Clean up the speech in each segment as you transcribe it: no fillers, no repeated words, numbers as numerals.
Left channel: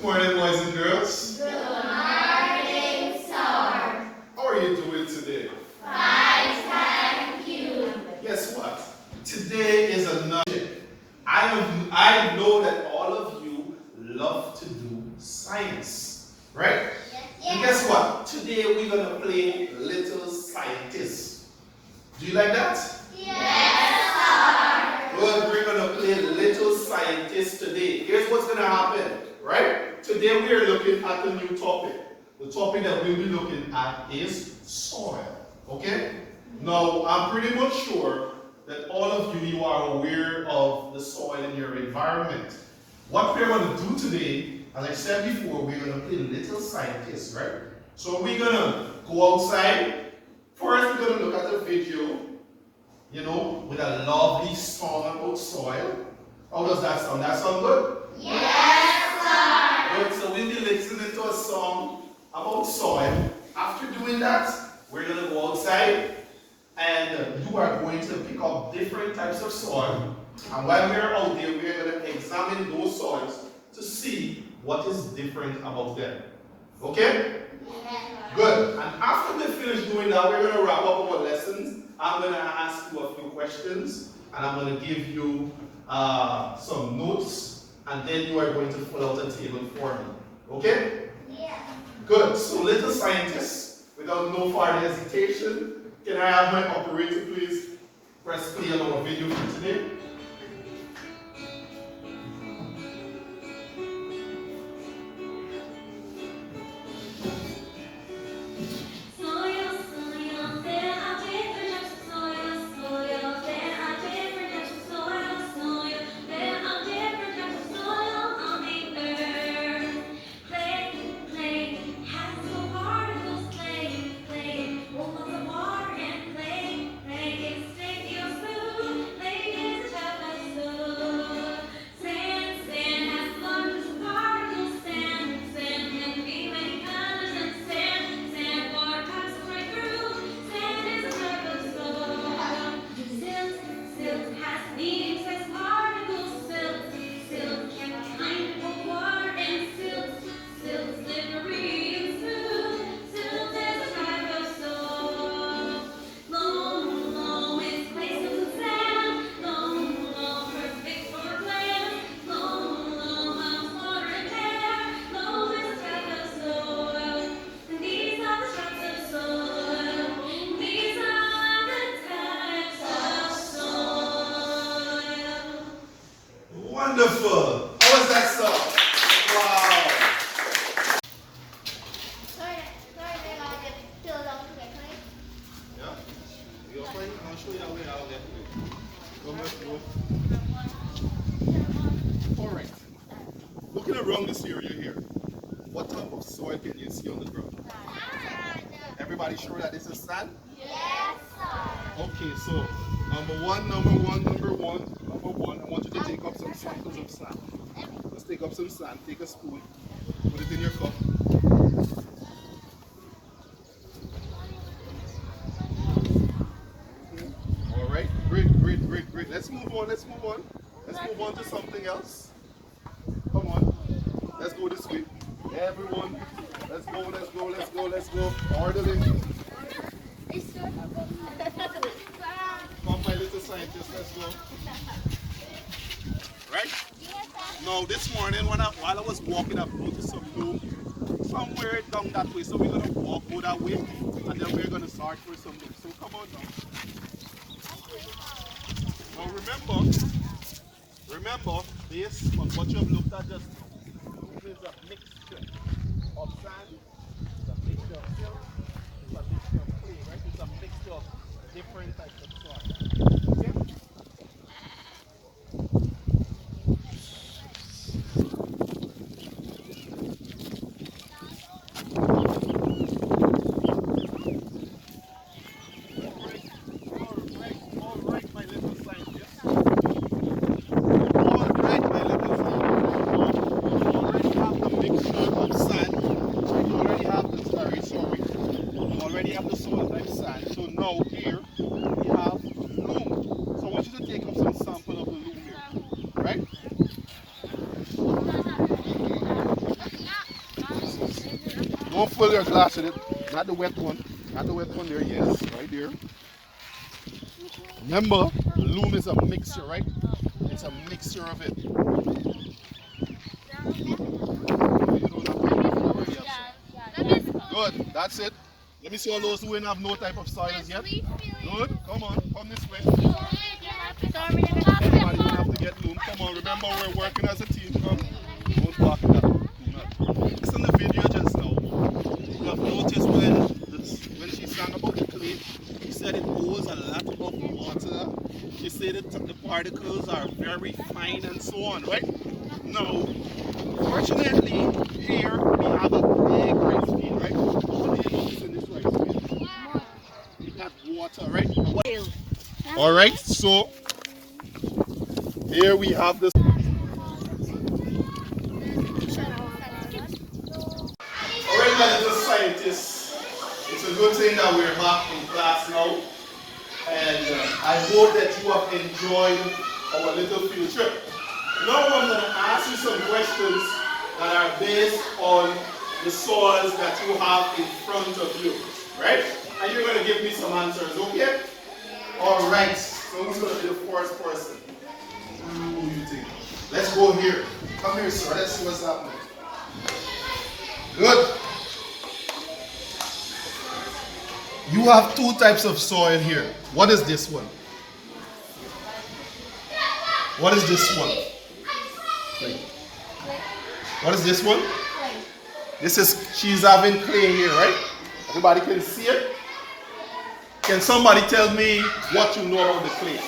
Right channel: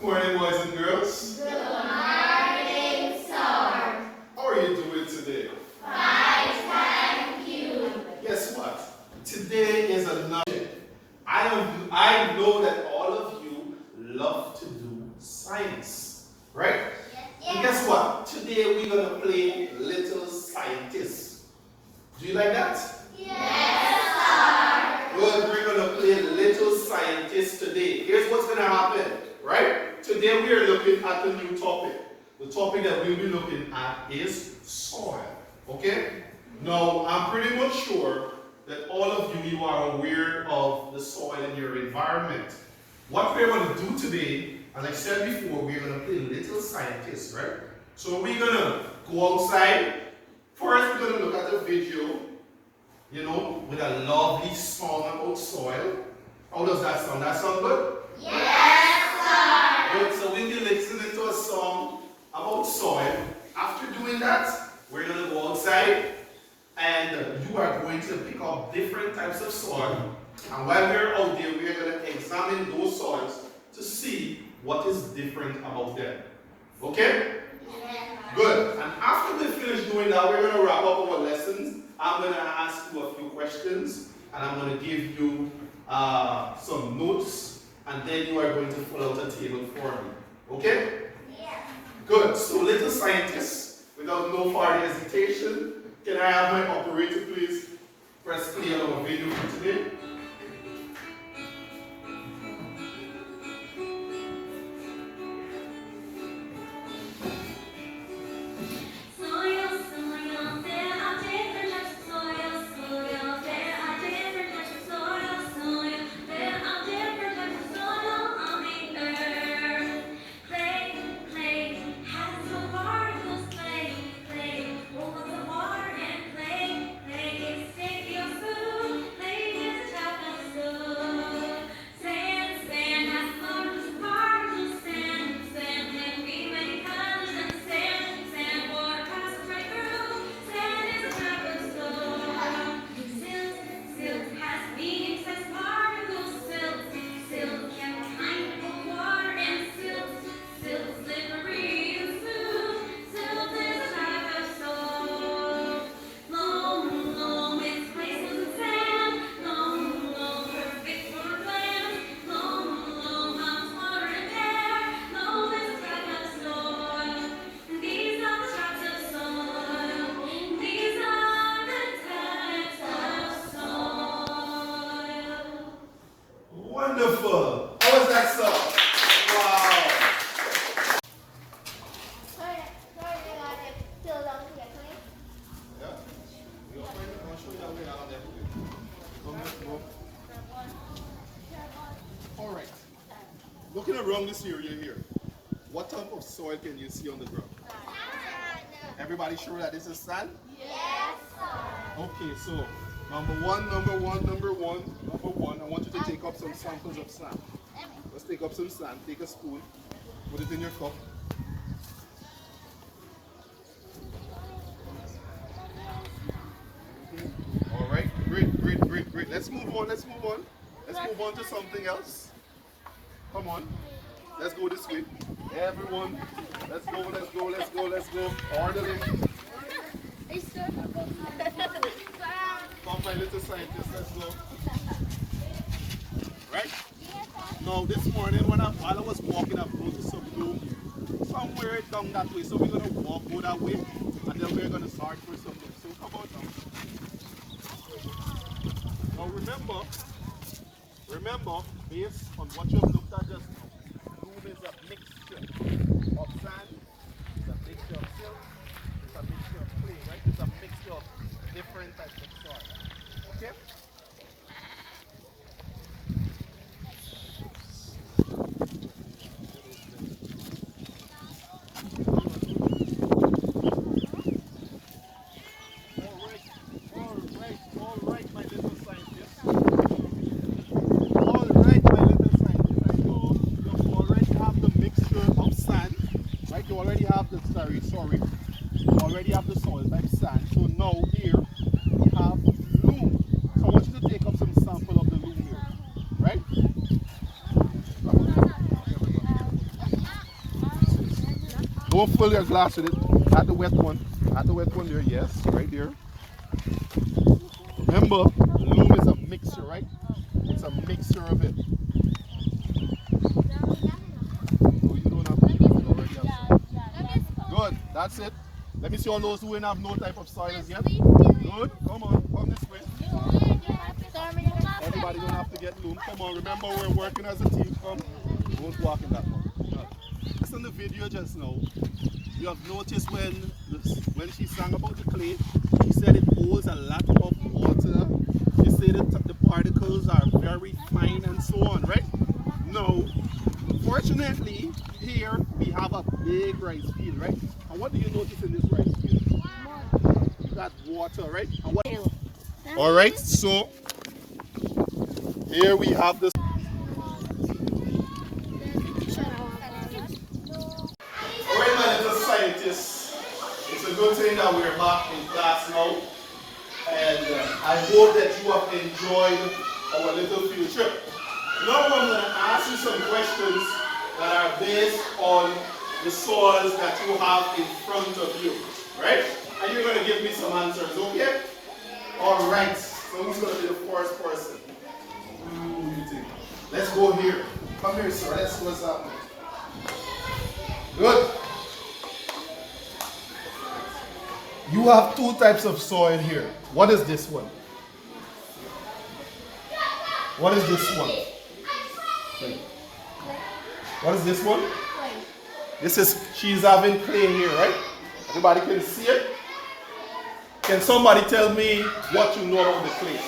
Good morning, boys and girls. Good morning, sir. How are you doing today? Fine, thank you. Guess what? Today is another. I know that all of you love to do science, right? And guess what? Today we're gonna play Little Scientist. Do you like that? Yes, sir. Good. We're gonna play Little Scientist today. Here's what's gonna happen, right? Today we are looking at a new topic. The topic that we'll be looking at is soil. Okay? Now I'm pretty much sure that all of you are aware of the soil in your environment. What we're going to do today, as I said before, we're going to play Little Scientist, right? So we're going to go outside. First, we're going to look at the video, with a lovely song about soil. How does that sound? That sound good? Yes, sir. Good. So we'll be listening to a song about soil. After doing that, we're going to go outside. And you are going to pick up different types of soil. And while we're out there, we're going to examine those soils to see what is different about them. Okay? Yes. Good. And after we finish doing that, we're going to wrap up our lessons. I'm going to ask you a few questions. And I'm going to give you some notes. And then you are going to fill out a table for me. Okay? Yeah. Good. So, little scientists, without no further hesitation, can I have my operator please press play on our video for today? Wonderful. How was that song? Wow. Yeah? You're playing? I'll show you how we are there. Come let's go. Alright. Looking around this area here, what type of soil can you see on the ground? Everybody sure that this is sand? Yes, sir. Okay, so number one, I want you to take up some samples of sand. Let's take up some sand, take a spoon, put it in your cup. Alright, great. Let's move on. Let's move on to something else. Come on. Let's go this way. Everyone, let's go. Orderly. Come, my little scientist, let's go. Right? Now, this morning, while I was walking, I've noticed some bloom somewhere down that way. So we're going to go that way, and then we're going to search for some bloom. So come on now. Now remember, based on what you've looked at just now, bloom is a mixture of sand, it's a mixture of silt, it's a mixture of clay, right? It's a mixture of different types of soil. Okay? All right, my little scientist. You already have the mixture of sand. Right? You already have the soil type sand. So now here we have loam. So I want Don't fill your glass with it. Add the wet one. Add the wet one there, yes, right there. Remember, the loom is a mixture, right? It's a mixture of it. You don't have to put nobody else. Good, that's it. Let me see all those who ain't have no type of soils yet. Good, come on, come this way. Everybody don't have to get loom. Come on, remember we're working as a team. Come. Don't block it up. Listen to the video just now. You have noticed when she sang about the clay, she said it holds a lot of water. She said that the particles are very fine and so on, right? Now, fortunately, here we have a big rice field, right? What do you notice in this rice field? You got water, right? Alright, so here we have this. Alright, my little scientists, it's a good thing that we're back in class now, and I hope that you have enjoyed our little field trip. Now I'm going to ask you some questions that are based on the soils that you have in front of you, right? And you're going to give me some answers, okay? Alright, so who's going to be the first person? Who do you think? Let's go here. Come here, sir. Let's see what's happening. Good. You have two types of soil here. What is this one? What is this one? What is this one? This is, she's having clay here, right? Everybody can see it? Can somebody tell me what you know about the clay?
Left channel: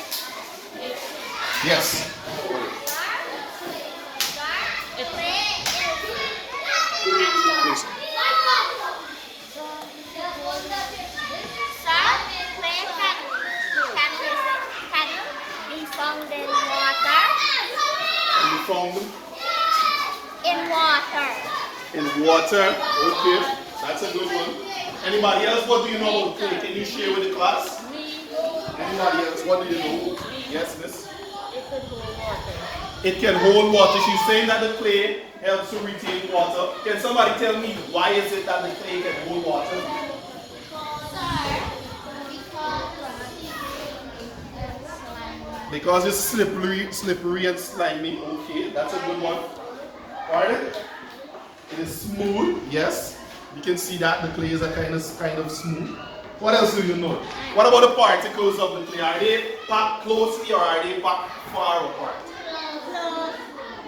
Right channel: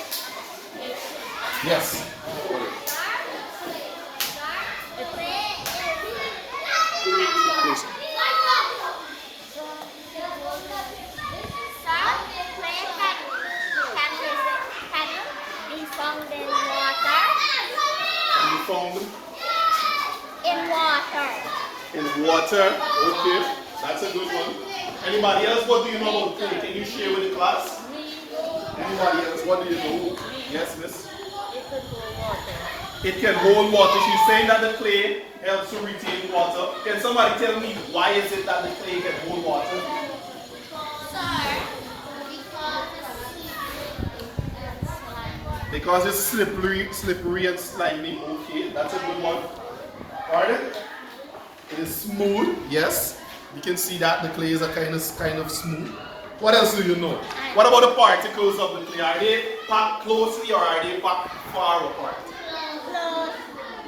Yes. Found in water. And you found them? In water. In water? Okay. That's a good one. Anybody else? What do you know about clay? Can you share with the class? Anybody else? What do you know? Yes, miss? It could hold water. It can hold water. She's saying that the clay helps to retain water. Can somebody tell me why is it that the clay can hold water? Because it's slippery and slimy. Okay, that's a good one. Pardon? It is smooth. Yes, you can see that the clay is a kind of smooth. What else do you know? What about the particles of the clay? Are they packed closely or are they packed far apart?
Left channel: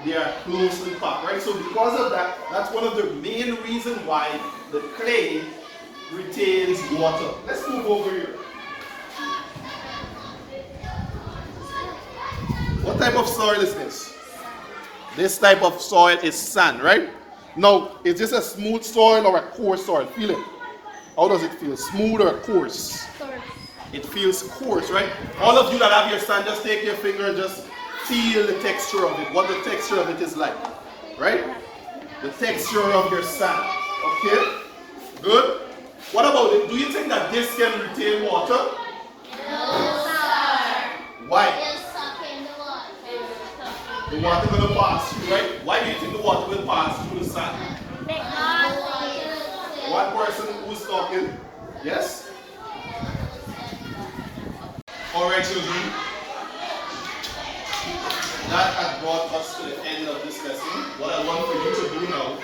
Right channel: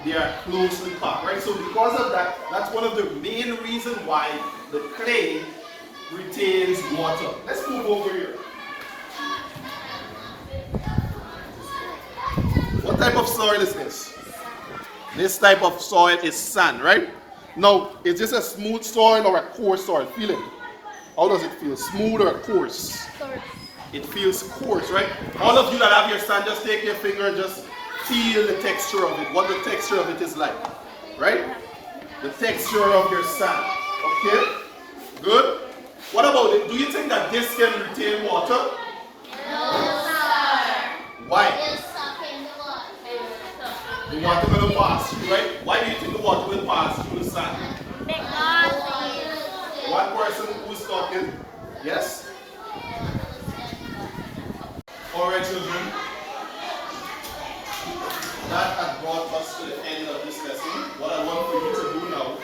They are closely packed, right? So because of that, that's one of the main reasons why the clay retains water. Let's move over here. What type of soil is this? This type of soil is sand, right? Now, is this a smooth soil or a coarse soil? Feel it. How does it feel? Smooth or coarse? Coarse. It feels coarse, right? All of you that have your sand, just take your finger and just feel the texture of it. What the texture of it is like, right? The texture of your sand. Okay? Good? What about it? Do you think that this can retain water? No, sir. Why? The water will pass through, right? Why do you think the water will pass through the sand? One person who's talking. Yes? Alright, children. That has brought us to the end of this lesson. What I want for you to do now,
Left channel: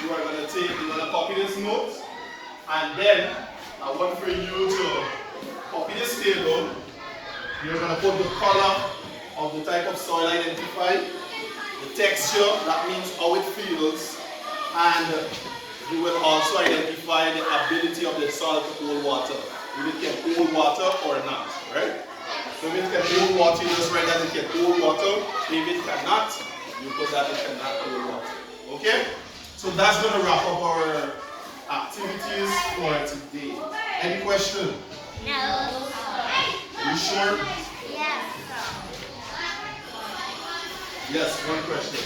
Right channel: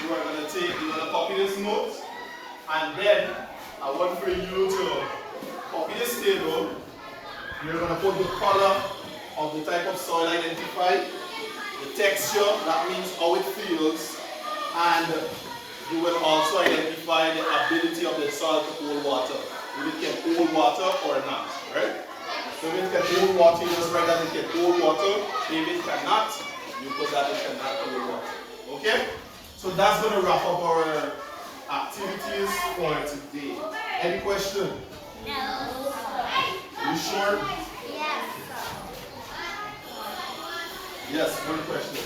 you're going to copy this note, and then I want for you to copy this table. You're going to put the color of the type of soil identified, the texture, that means how it feels, and you will also identify the ability of the soil to hold water. If it can hold water or not, right? So if it can hold water, you just write that it can hold water. If it cannot, you put that it cannot hold water. Okay? So that's going to wrap up our activities for today. Any question? No. You sure? Yes. Yes, one question.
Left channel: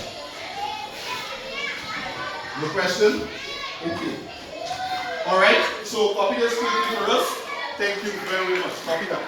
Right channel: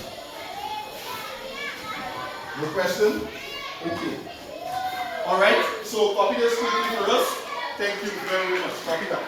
No question? Okay. Alright, so copy this quickly for us. Thank you very much. Copy that.